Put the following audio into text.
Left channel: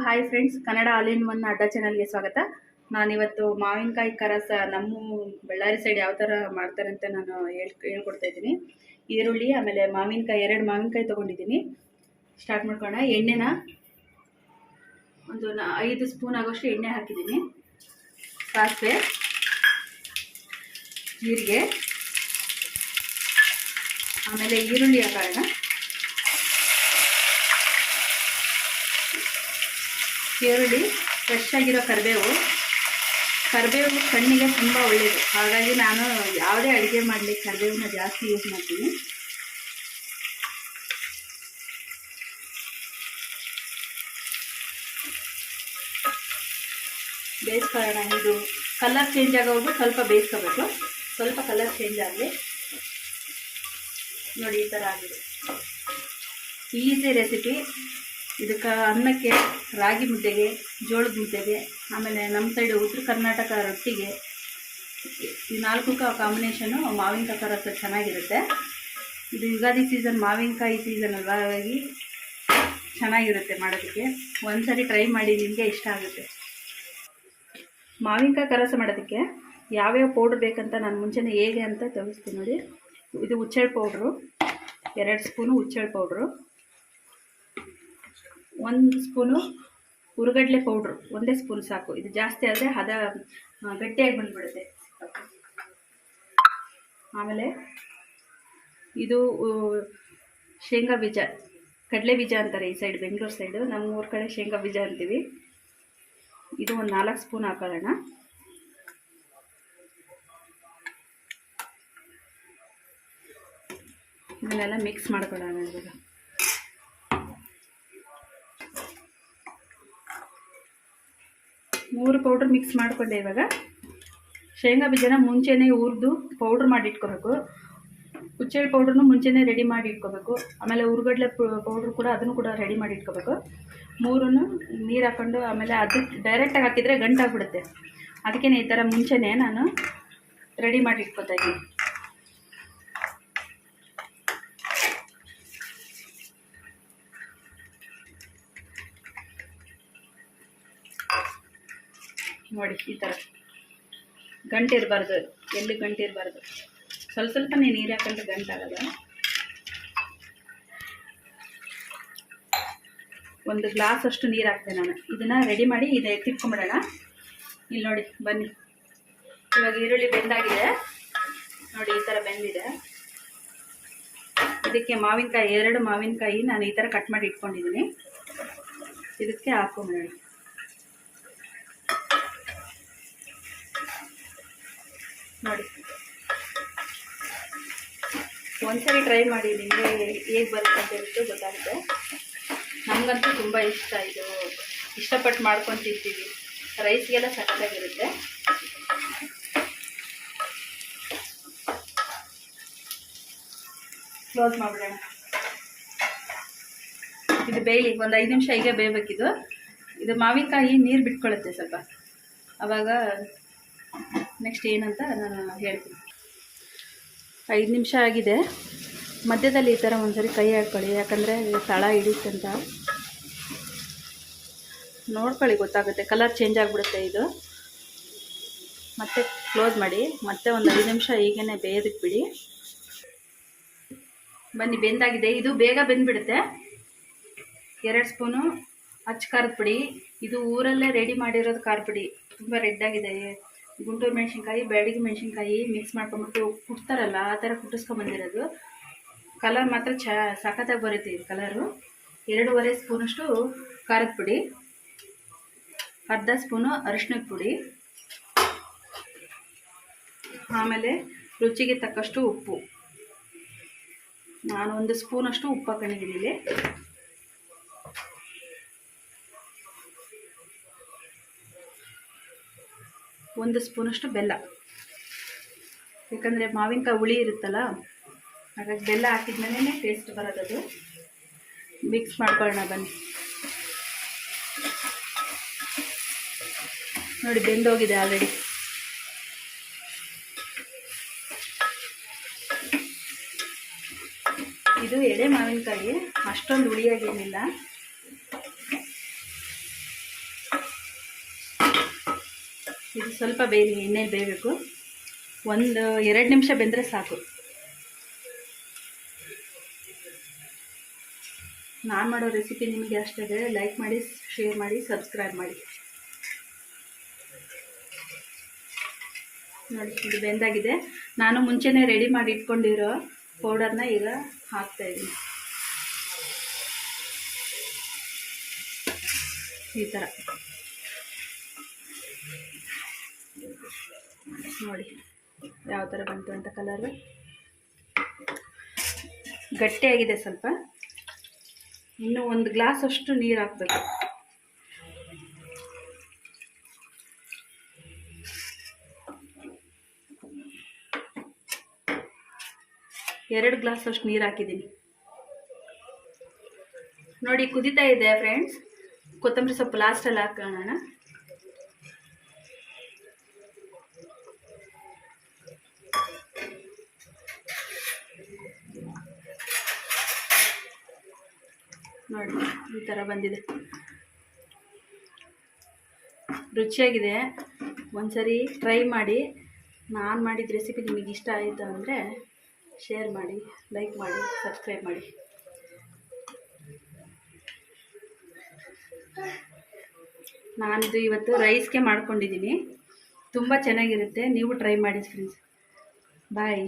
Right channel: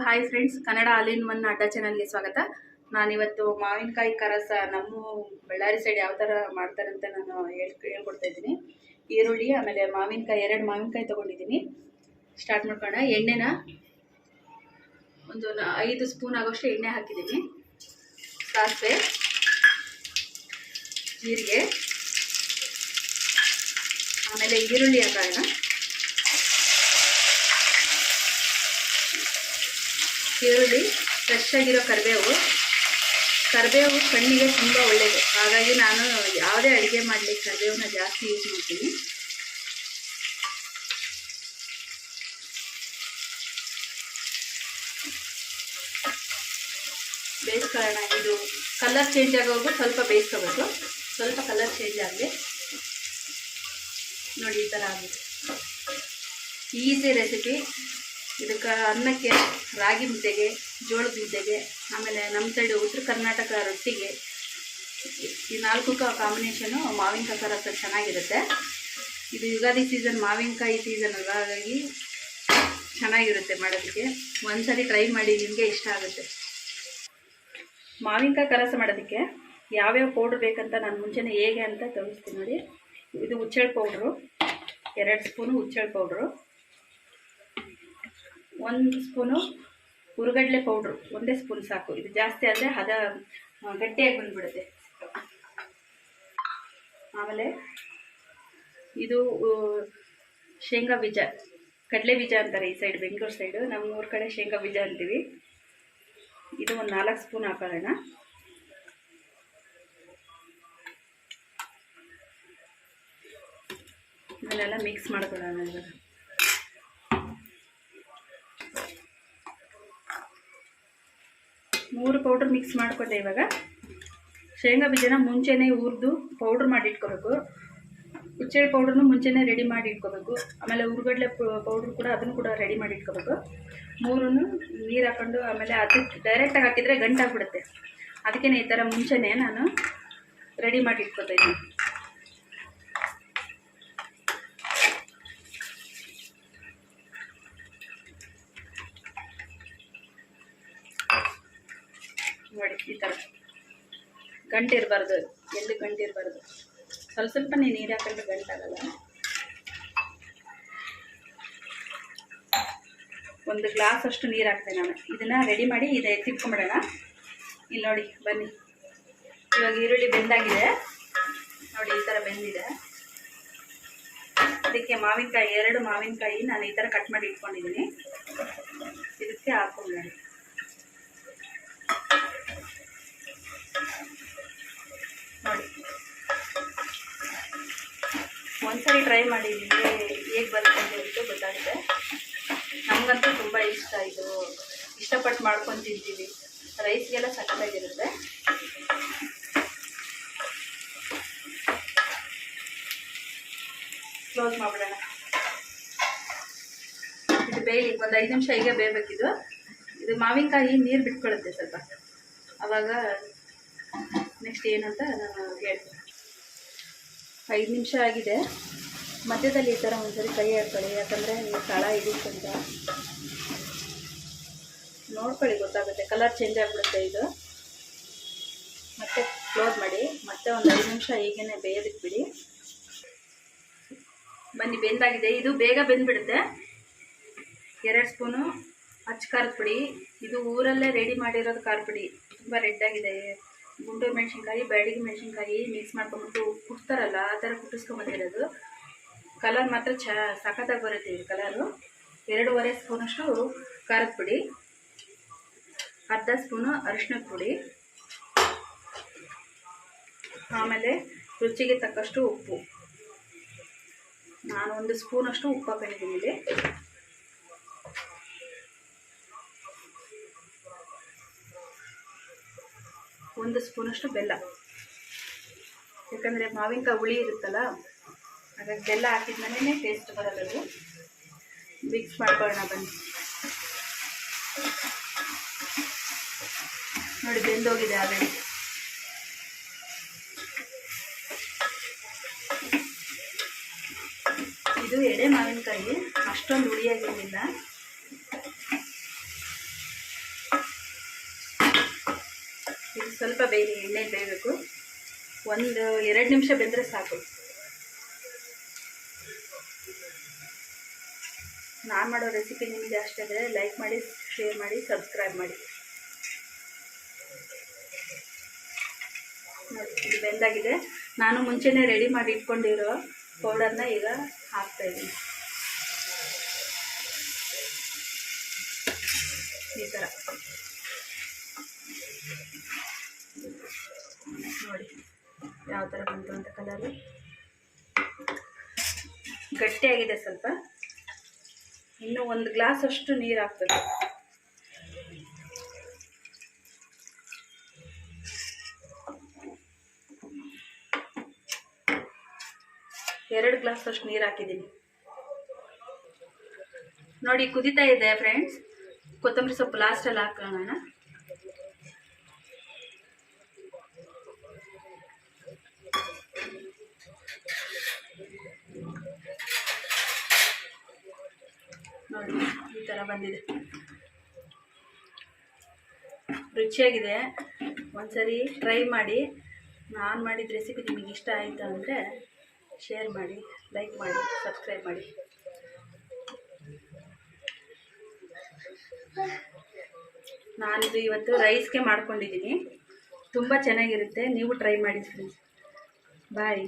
Hi friends Kannada ಅಲಿನ್ ಮನ್ ಒನ್ ಅಡ್ಡ ಚಾನಲ್ಗೆ ಸ್ವಾಗತ. ನಾನಿವತ್ತು ಮಾವಿನಕಾಯಿ ಕರಸ ನಮ್ಮ ಬಳ್ಳಾರಿ ಸೈಡ್ ಯಾವ ಥರ ಮಾಡ್ತಾರೆ ಅಂತ ನಾನು ಹೇಳ್, ಹೇಳ್ಕೊಡ್ತಾ ಇದ್ದೀನಿ. ಈರುಳ್ಳಿ, ಆಮೇಲೆ ಮಾವಿನಕಾಯಿ, ಎರಡು ಮಾವಿನಕಾಯಿ ತೊಗೊಂಡಿದ್ದೀನಿ. ಸ್ಟಾರ್ಟ್ ಮಾಡ್ಕೊಳ್ಳೋಣ ಎಣ್ಣೆನ ಒಂದು ಐದು ಸ್ಪೂನ್ ಆಗೋಷ್ಟು ಎಣ್ಣೆ ಹಾಕಿದ್ದೀನಿ. ಸಾಸಿವೆ, ಜೀರಿಗೆ, ಆಮೇಲೆ ಈರುಳ್ಳಿ ಹಾಕೋಣ. ಈರುಳ್ಳಿ ಫ್ರೆಶ್ ಆಗಿರೋ ಕರಿಬೇವು. ಕರಿಬೇವು ಕಣ್ಣಿಗೆ ತುಂಬ ಒಳ್ಳೆಯದು ಹಾಗಾಗಿ ನಾನು ಯಾವುದೇ ಅಡುಗೆ ಮಾಡಲಿ ಕರಿಬೇವನ್ನ ಜಾಸ್ತಿ ಯೂಸ್ ಮಾಡ್ತೀನಿ. ಬೇಯಿಸ್ಕೊಳ್ಳೋಣ. ಇದು ಕಲರ್ ಚೇಂಜ್ ಆಗೋದು ಸ್ವಲ್ಪ ಬೇಯಿಸ್ಕೋಬೇಕು. ಸ್ವಲ್ಪ ಕಲರ್ ಚೇಂಜ್ ಆಗಲಿ ನೋಡಿ ಈ ಥರ ಆಗಿದೆ. ಈಸಿ ರೆಸಿಪಿ ಇದಕ್ಕೆ ಅನ್ನಕ್ಕೆ ರಾಗಿ ಮುದ್ದೆಗೆ, ಜೋಳದ ಮುದ್ದೆಗೆ, ಆಮೇಲೆ ನಮ್ಮ ಸೈಡು ಉತ್ತರ ಕರ್ನಾಟಕ ರೊಟ್ಟಿಗೆ ಈ ನಾಲ್ಕು ಕಾಂಬಿನೇಷನು ಮಾವಿನಕಾಯಿ ರಸ ಚೆನ್ನಾಗಿರುತ್ತೆ. ಇದು ಯುಗಾದಿ ಸೀಸನ್ ಮಾವಿನಕಾಯಿ ಸೀಸನ್ ಅಲ್ಲ, ಹಾಗಾಗಿ ಚೆನ್ನಾಗಿರುತ್ತೆ ಮಾಡೋದಕ್ಕೆ. ಒಂದ್ಸರಿ ಟ್ರೈ ಮಾಡಿ ನಿಮಗೆ ಇಷ್ಟ ಆಗುತ್ತೆ. ಮಾವಿನಕಾಯಿ ಕರಸ ಮಾಡೋದಕ್ಕೆ ಯಾವ್ಯಾವ ಪೌಡ್ರ್ ಬೇಕಂತ ನಾನು ಮುಂಚೆನೇ ಹೇಗೆ ಅಂತ ತೋರಿಸ್ತೀನಿ ನೋಡಿ. ಇದು ಹುಚ್ಚೆಳ್ ಪೌಡ್ರು ಎರಡು ಸ್ಪೂನು ಹುಚ್ಚೆಳ್ ಪೌಡ್ರು ಒಂದು ಸ್ಪೂನು ಹುರುಗಡ್ಲೆ ಪೌಡ್ರು, ಒಂದೇ ಸ್ಪೂನ್ ಸಾಕು. ಇದು ಜಾಸ್ತಿ ಆದರೆ ಹದ ಗಟ್ಟಿಯಾಗಿ ಬಂದುಬಿಡುತ್ತೆ. ಆಮೇಲೆ ಇದು ಶೇಂಗಾ ಬೀಜ, ಕಡಲೆ ಬೀಜ ಅಂತಾರೆ ಈ ಸೈಡ್, ಬೆಂಗಳೂರು ಸೈಡು. ನಮ್ಮ ಊರ ಕಡೆ ಶೇಂಗಾ ಬೀಜ ಅಂತೀವಿ. ಇದು ಒಂದು ನಾಲ್ಕು ಸ್ಪೂನ್ ಹಾಕೊಳ್ಳೋಣ. ಇದನ್ನೆಲ್ಲ ಮಿಕ್ಸ್ ಮಾಡ್ಕೊಳ್ಳೋಣ ಇವಾಗ. ಮೂರು ಪೌಡ್ರ್ ಮಿಕ್ಸ್ ಮಾಡಿಕೊಂಡೆ ಇವಾಗ. ಶೇಂಗಾ ಬೀಜನ ಮುಂಚೆನೇ ಹುರಿದು ಪೌಡ್ರ್ ಮಾಡಿ ಇಟ್ಕೋಬೇಕು. ಹುಚ್ಚೆಳ್ಳು ಪೌಡ್ರನ್ನು ಮುಂಚೆನೇ ರೆಡಿ ಮಾಡಿ ಇಟ್ಕೋಬೇಕು. ಆಮೇಲೆ ಹುರುಗಡ್ಲೆ ಪೌಡ್ರ್ ಕೂಡ ಅದನ್ನು ಕೂಡ ರೆಡಿ ಮಾಡಿ ಇಟ್ಕೋಬೇಕು. ಮೂರನ್ನು ನೀರು ಹಾಕ್ಕೊಂಡು ಆಮೇಲೆ ಅದಕ್ಕೆ ಡೈರೆಕ್ಟಾಗಿ ಹಾಕಿದರೆ ಗಂಟಾಗ್ಬಿಡುತ್ತೆ. ಅದಕ್ಕೇನೆ ಈ ಥರ ಮುಂಚೆನೇ ನಾನು ರೆಡಿ ಮಾಡಿ ಇಟ್ಕೋತಾ ಇದ್ದೀನಿ. ನೋಡಿ, ಈ ಥರ. ಗಂಟು ಇರಬಾರ್ದು, ಎಲ್ಲಿ ಗಂಟು ಇರಬಾರ್ದು. ಸ್ವಲ್ಪ ಸ್ವಲ್ಪ ನೀರು ಹಾಕೊಂಡ್ರೆ ಗಂಟಾಗಲ್ಲ ಒಂದು ಗ್ಲಾಸ್ ಅಷ್ಟು ನೀರು ಹಾಕ್ತೆ ನಾನು. ಇದನ್ನು ರೆಡಿ ಮಾಡಿ ಇದು ಎತ್ತಿಟ್ಕೊಂಬಿಡೋಣ ಇಲ್ಲಿ ನೋಡಿ, ಬನ್ನಿ. ಇವಾಗ ಈರುಳ್ಳಿ ಬೆಂದಾಗಿದೆ. ನೋಡಿ, ಈ ಥರ ಬೆಂದಿದೆ. ಅದಕ್ಕೆ ಮಾವಿನಕಾಯಿ, ಎರಡು ಮಾವಿನಕಾಯಿ ನಾನು ಈ ಥರ ಕಟ್ ಮಾಡಿ ಇಟ್ಕೊಂಡಿದ್ದೀನಿ. ಇದಕ್ಕೆ ಹಾಕೊಂಬಿಡೋಣ ನೋಡಿ ಒಂದ್ಸರಿ ಟ್ರೈ ಮಾಡಿ, ನಿಮಗೆ ಹೇಗೆ ಬರುತ್ತೆ ಅಂತ ಗೊತ್ತಾಗುತ್ತೆ. ನಮಗಂತೂ ತುಂಬ ಇಷ್ಟ ಇದು. ಇಷ್ಟಪಟ್ಟು ಮಾಡ್ಕೊಂಡು ತಿಂತೀವಿ ರೈಸ್ಗೆಲ್ಲ ಸಕ್ಕತ್ತಾಗಿರುತ್ತೆ ಕ್ಲೋಸ್ ಮಾಡಿಬಿಡೋಣ. ಇದು ಬೇಯಲಿ, ಒಂದು ಐದು ನಿಮಿಷ ಹೀಗೆ ಬೇಯಬೇಕಿದು. ಇದು ಮಾವಿನಕಾಯಿ ನೀರು ಬಿಟ್ಕೊಳ್ಳುತ್ತೆ ಸ್ವಲ್ಪ. ಆವಾಗ ನೆಕ್ಸ್ಟ್ ಏನಂತ ನಾನು ಹೇಳ್ತೀನಿ. ಐದು ನಿಮಿಷ ಆಗಿದೆ. ಮಧ್ಯದಲ್ಲಿ ಈ ಥರ ಒಂದ್ಸರಿ ಕೈ ಹಾಕ್ಕೊಳ್ಳಿ ಯಾಕಂದರೆ ತಳ ಹಿಡಿಯುತ್ತಂತ. ನೋಡ್ಕೊಳ್ಳಿ, ಗೊತ್ತಾಗುತ್ತೆ. ಕಲರ್ ಚೇಂಜ್ ಆಗಿಬಿಡುತ್ತೆ ಇದು. ಮತ್ತೆ ಕ್ಲೋಸ್ ಮಾಡಿ. ಮತ್ತೆ ಒಂದು ಐದು ನಿಮಿಷ ಹೀಗೇ ಬೇಯೋದಕ್ಕೆ ಬಿಡಿ ಬನ್ನಿ, ಬೆಂದಾಗಿದೆ. ಇದು ಬೇಗ ಬೆಂದ್ಬಿಡುತ್ತೆ. ಎರಡು ಸ್ಪೂನು ಹಚ್ಚ ಖಾರದ ಪುಡಿ. ಇದು ಊರಲ್ಲೇ ರೆಡಿ ಮಾಡಿರೋದು ಖಾರ ಪುಡಿ. ತುಂಬ ರೆಡ್ಡಾಗಿದೆ ಗುಂಟೂರು ಮೆಣಸಿನ್ಕಾಯಿ ಬೆಳಗ್ಗೆ ಮೆಣಸಿನ್ಕಾಯಿ ಮಿಕ್ಸ್ ಮಾಡ್ಕೊಂಬಿಟ್ಟು ಕುಟ್ತಾರಲ್ಲ, ಆ ಥರ ಕುಟ್ಟಿಸ್ಕೊಂಬಂದಿರೋದು ಕಲರ್ ಮಾತ್ರ ಚ, ಸಖತ್ತಾಗಿ ಬರುತ್ತೆ ಇದು ಕಲರು ಎರಡೂವರೆ ಸ್ಪೂನಷ್ಟು ಖಾರದ ಪುಡಿ, ಅರ್ಧ ಸ್ಪೂನು ಅರಿಶಿಣದ ಪುಡಿ, ಆಮೇಲೆ ರುಚಿಗೆ ತಕ್ಕಷ್ಟು ಉಪ್ಪು. ನಾನು ಒಂದು ಸ್ಪೂನಷ್ಟು ಉಪ್ಪು ಹಾಕೊಂಡಿದ್ದೀನಿ ಇಲ್ಲಿ. ಒಂದು ಸ್ಪೂನಷ್ಟು ಬೆಲ್ಲ. ಯಾಕಂದರೆ ಮಾವಿನಕಾಯಿ ಹುಳಿ ಇರುತ್ತಲ್ಲ, ಹಾಗಾಗಿ ಬೆಲ್ಲ ಹಾಕಿದ್ಮೇಲೆ ಟೇಸ್ಟ್ ಬರೋದದು ಮಿಕ್ಸ್ ಮಾಡ್ಕೊಳ್ಳೋಣ ಬನ್ನಿ. ನೋಡಿ, ಬೆಂದೋಗಿದೆ ಆಲ್ರೆಡಿ ಇದು ಎಡೆ ಮಾವಿನಕಾಯಿ, ಅಷ್ಟೊಂದು ಹುಳಿಯಾಗೇನಿಲ್ಲ ಇದು ಸ್ವಲ್ಪ ಬೇಯಲಿ ಎಣ್ಣೆ ಬೇಯಬೇಕು. ಒಂದು ಎರಡು ನಿಮಿಷ ಬೆಂದರೆ ಸಾಕು. ನಾನು ಮಾಡೋ ರೆಸಿಪಿ ನಿಮಗೆ ಅಷ್ಟಾದರೆ ಲೈಕ್ ಮಾಡಿ ಶೇರ್ ಮಾಡಿ ಸಬ್ಸ್ಕ್ರೈಬ್ ಮಾಡಿ. ನೋಡಿ, ಇದು ಬೆಂದಾಗಿದೆ. ನಾನು ಮುಂಚೆನೇ ರೆಡಿ ಮಾಡಿ ಇಟ್ಕೊಂಡಿರೋ ಪೌಡರ್ನ ಈಗ ಹಾಕ್ತಾ ಇದ್ದೀನಿ. ಈ ಥರ ನೋಡಿ ಯಾವ ಥರ ಬಂತು ಅಂತ ಕಲರು. ಗಟ್ಟಿಯಾಗಿದೆ ಸ್ವಲ್ಪ. ಇನ್ನು ಒಂದು ಗ್ಲಾಸ್ ಅಷ್ಟು ನೀರು ಹಾಕ್ಬೇಕು. ಎರಡು ಗ್ಲಾಸ್ ಅಷ್ಟು ನೀರು ಹಾಕಿದ್ದೀನಿ. ನೋಡಿ ಕುದಿತಾ ಇದೆ ಫ್ರೆಂಡ್ಸ್ ಕೊತ್ತಂಬರಿ ಸೊಪ್ಪು ಲಾಸ್ಟಲ್ಲಿ ಹಾಕೋಣ ನೋಡಿ, ಈ ಥರ ಬಂದಿದೆ. ರುಚಿಯಾಗಿದೆ. ಒಂದ್ಸರಿ ಟ್ರೈ ಮಾಡಿ. ನಾನು ಮಾಡಿದ ರೆಸಿಪಿ ನಿಮಗೆ ಇಷ್ಟ ಆಯಿತು ಅಂದರೆ ಶೇರ್ ಮಾಡಿ ಲೈಕ್ ಮಾಡಿ ಸಬ್ಸ್ಕ್ರೈಬ್ ಮಾಡಿ. ನಾನಿದು ಇವತ್ತು ರೈಸ್ಗೆ ಮಾಡ್ಕೊಂಡಿದ್ದೀನಿ. ತುಂಬ ಚೆನ್ನಾಗಿರುತ್ತೆ. ನೀವು ಟ್ರೈ ಮಾಡಿ ಫ್ರೆಂಡ್ಸ್ ಬಾಯ್